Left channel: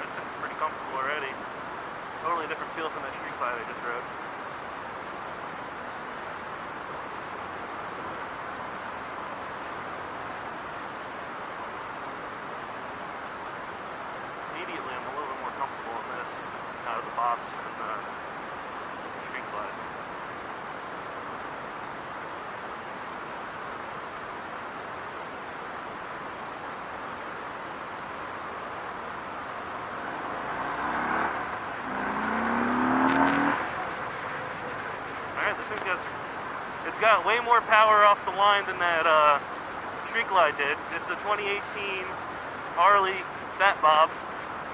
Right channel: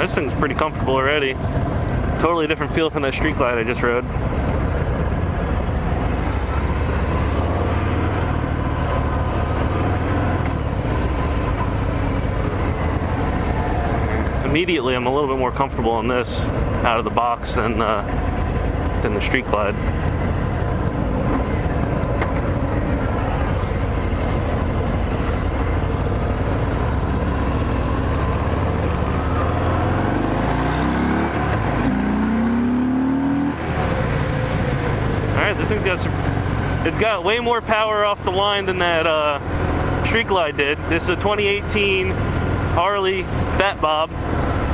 This thing's pretty comfortable already. Totally different feel from that Street Glide I just rode. Immediately, I'm a little bit more comfortable on this out of the box than the Street Glide. This thing's it's got way more power off the line than that Street Glide did. This is a 2018 Harley Fat Bob.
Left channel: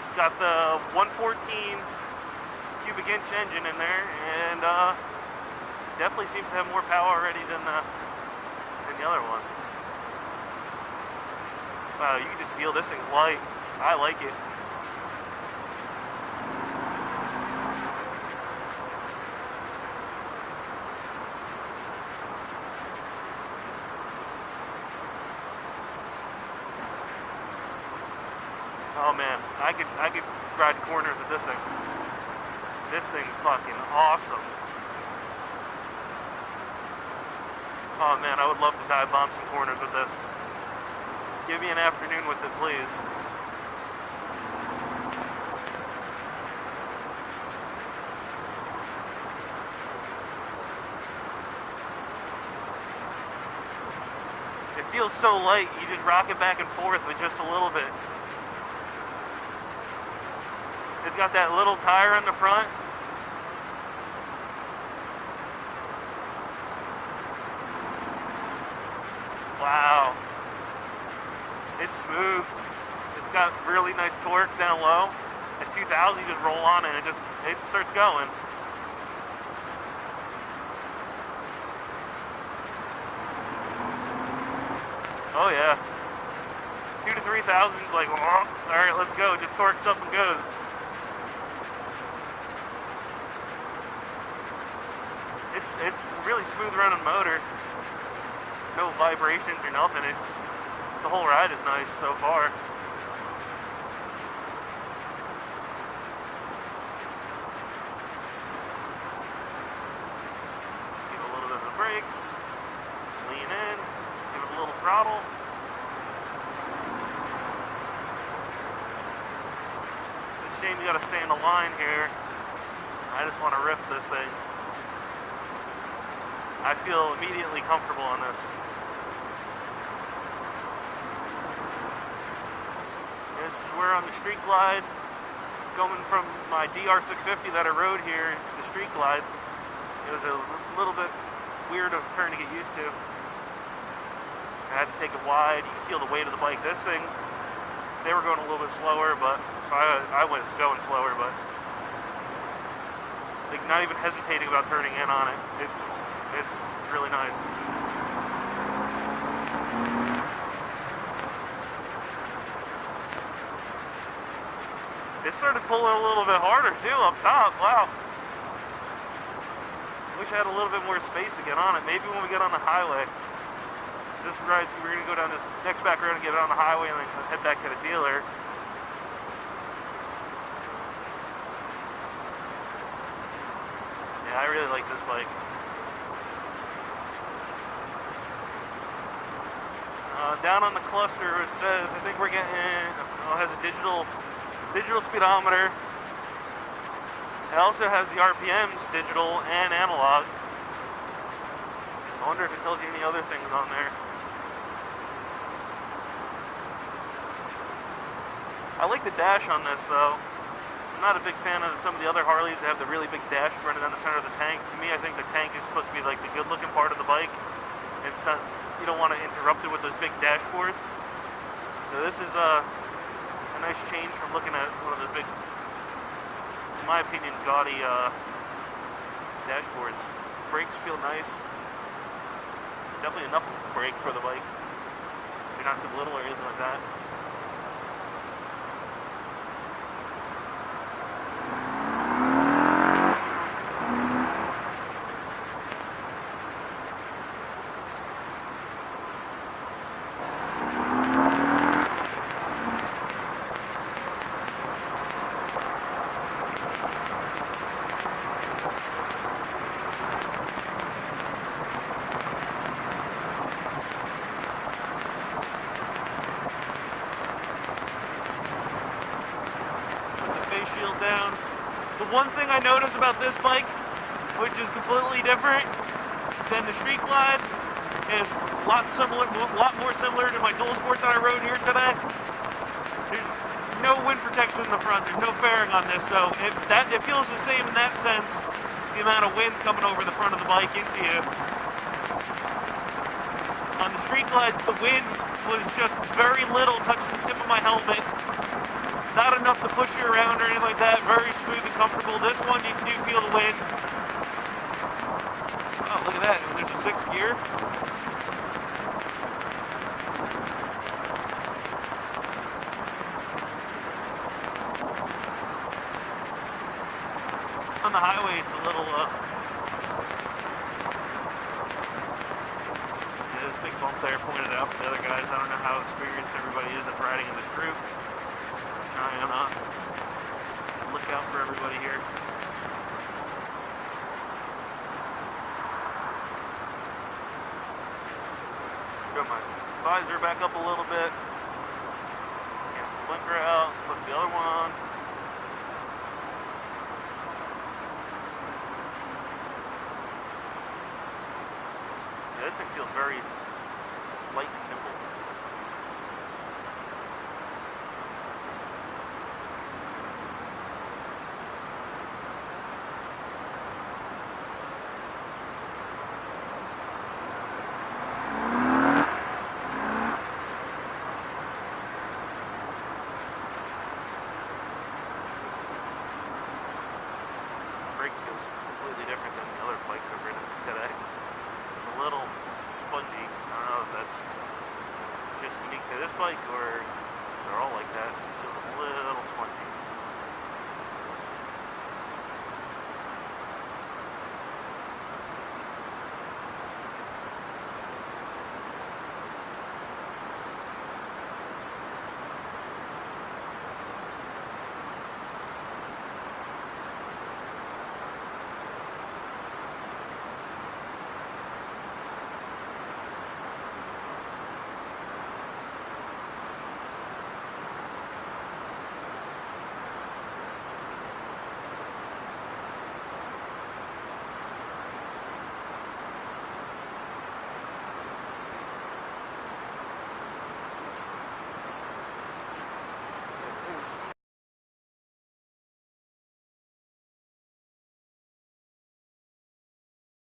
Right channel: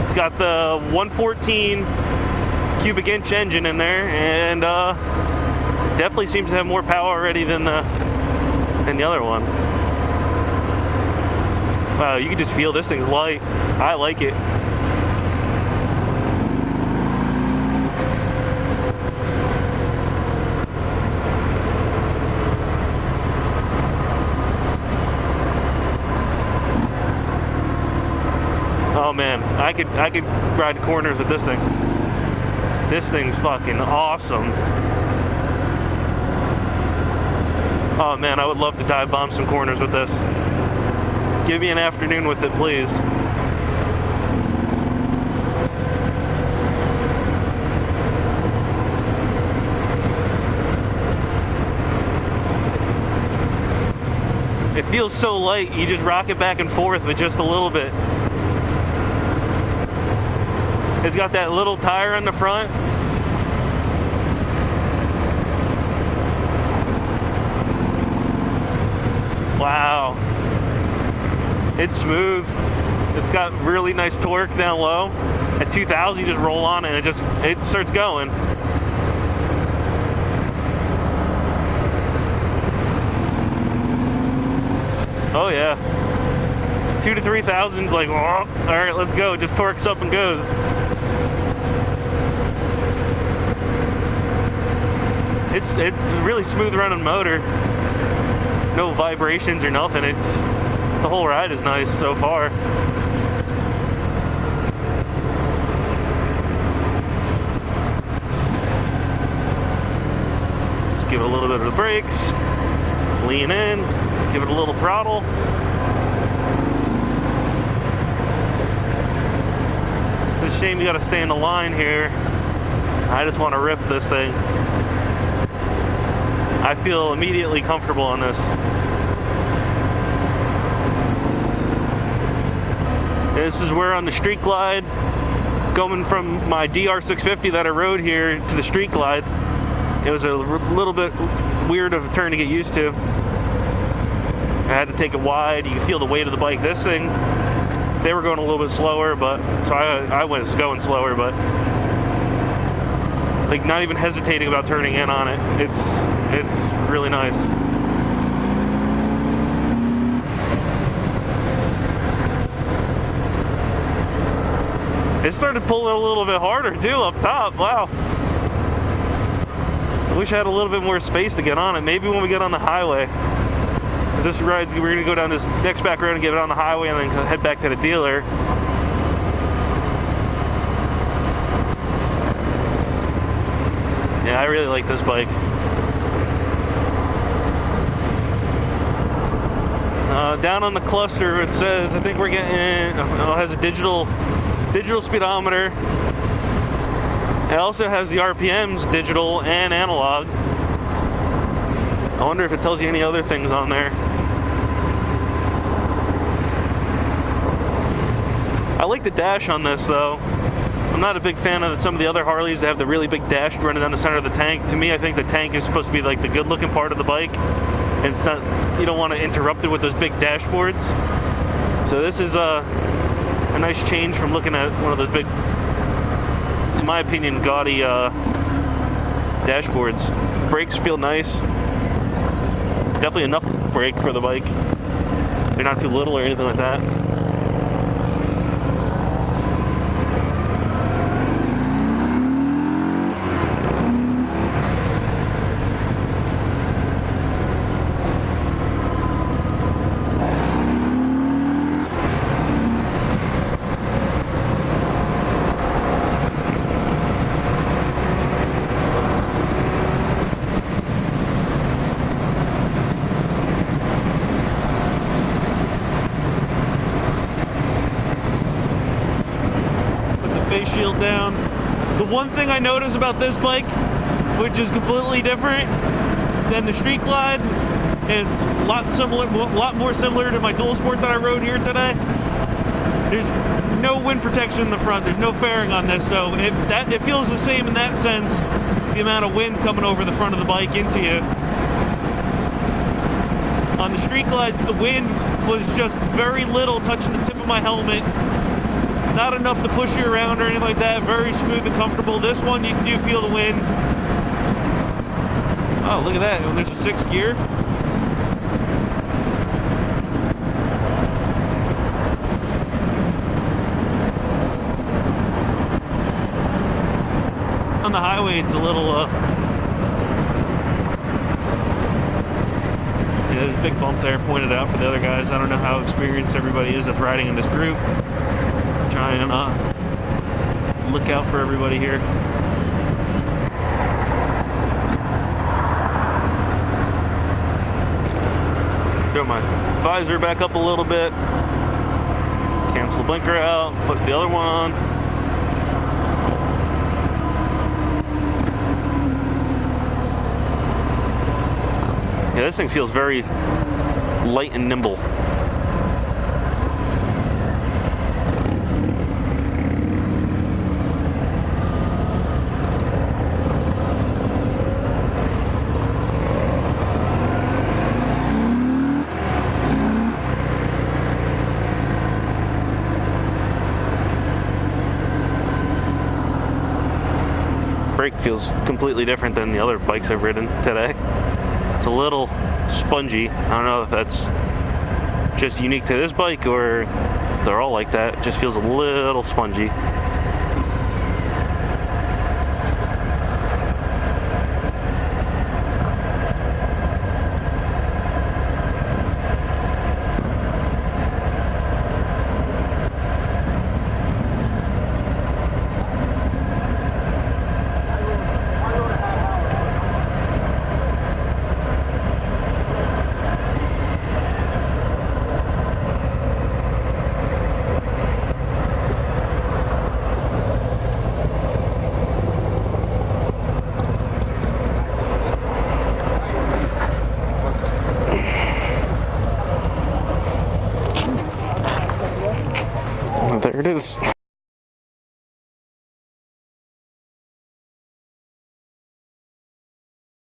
It's got the 114 cubic inch engine in there, and definitely seems to have more power already than the other one. Wow, you can just feel this thing's light. I like it. Oh man, I could ride corners with this thing. This thing's fucking awesome. Oh man, I would love to dive bomb some corners with this. Give me an afternoon with it, please. It feels so light, you just rock it back and forth with just a little bit. It's got that little tire on the front. Wow. It's smooth. It's got really nice torque down low. At 2,000, you just roll on and it starts going. Oh yeah. 2 to 3,000's like, oh, all right, let's go. Just torques up and goes. It's a really smooth running motor. No vibrations or nothing. The whole ride is nice so far. Just give it a little bit of the brakes. Lean in. Give it a little throttle. It's a shame you gotta stay in the line here. I just want to rip this thing. I feel immediately comfortable on this. This is where on the Street Glide, going from my DR650 that I rode here to the Street Glide, it was a little bit weird of a turn to get used to. I had to take it wide. You can feel the weight of the bike. This thing, they were going a little bit slower, but so I was going slower, but like not even hesitating about turning in on it. It's really nice. It started pulling a little bit harder too up top. Wow. I wish I had a little bit more space to get on it. Maybe when we get on the highway. Because this ride's, we're gonna go down this next back road and get it on the highway and then head back to the dealer. Yeah, I really like this bike. Down on the cluster, it says, I think we're getting, it has a digital speedometer. It also has the RPMs, digital and analog. I wonder if it tells you any other things on there. I like the dash on this though. I'm not a big fan of some of the other Harleys that have the really big dash running down the center of the tank. To me, I think the tank is supposed to be like the good looking part of the bike. And it's not, you don't want to interrupt it with those big dashboards. So this is a nice change from looking at one of those big, in my opinion, gaudy dashboards. Brakes feel nice. Definitely enough brake for the bike. They're not too little or anything like that. The one thing I notice about this bike, which is completely different than the Street Glide, is a lot more similar to my Dual Sport that I rode here today. There's no wind protection in the front. There's no fairing on this, so it feels the same in that sense. The amount of wind coming over the front of the bike into you. On the Street Glide, the wind was just very little, touching the tip of my helmet. Not enough to push you around or anything like that. Very smooth and comfortable. This one, you do feel the wind. Oh, look at that. There's a 6th gear. On the highway, it's a little, yeah, there's a big bump there pointed out for the other guys. I don't know how experienced everybody is that's riding in this group. Trying to look out for everybody here. Got my visor back up a little bit. Cancel the blinker out. Put the other one on. Yeah, this thing feels very light and nimble. Brake feels completely different than the other bikes I've ridden today. It's a little spongy. I don't know if that's just unique to this bike or they're all like that. It just feels a little spongy. There it is.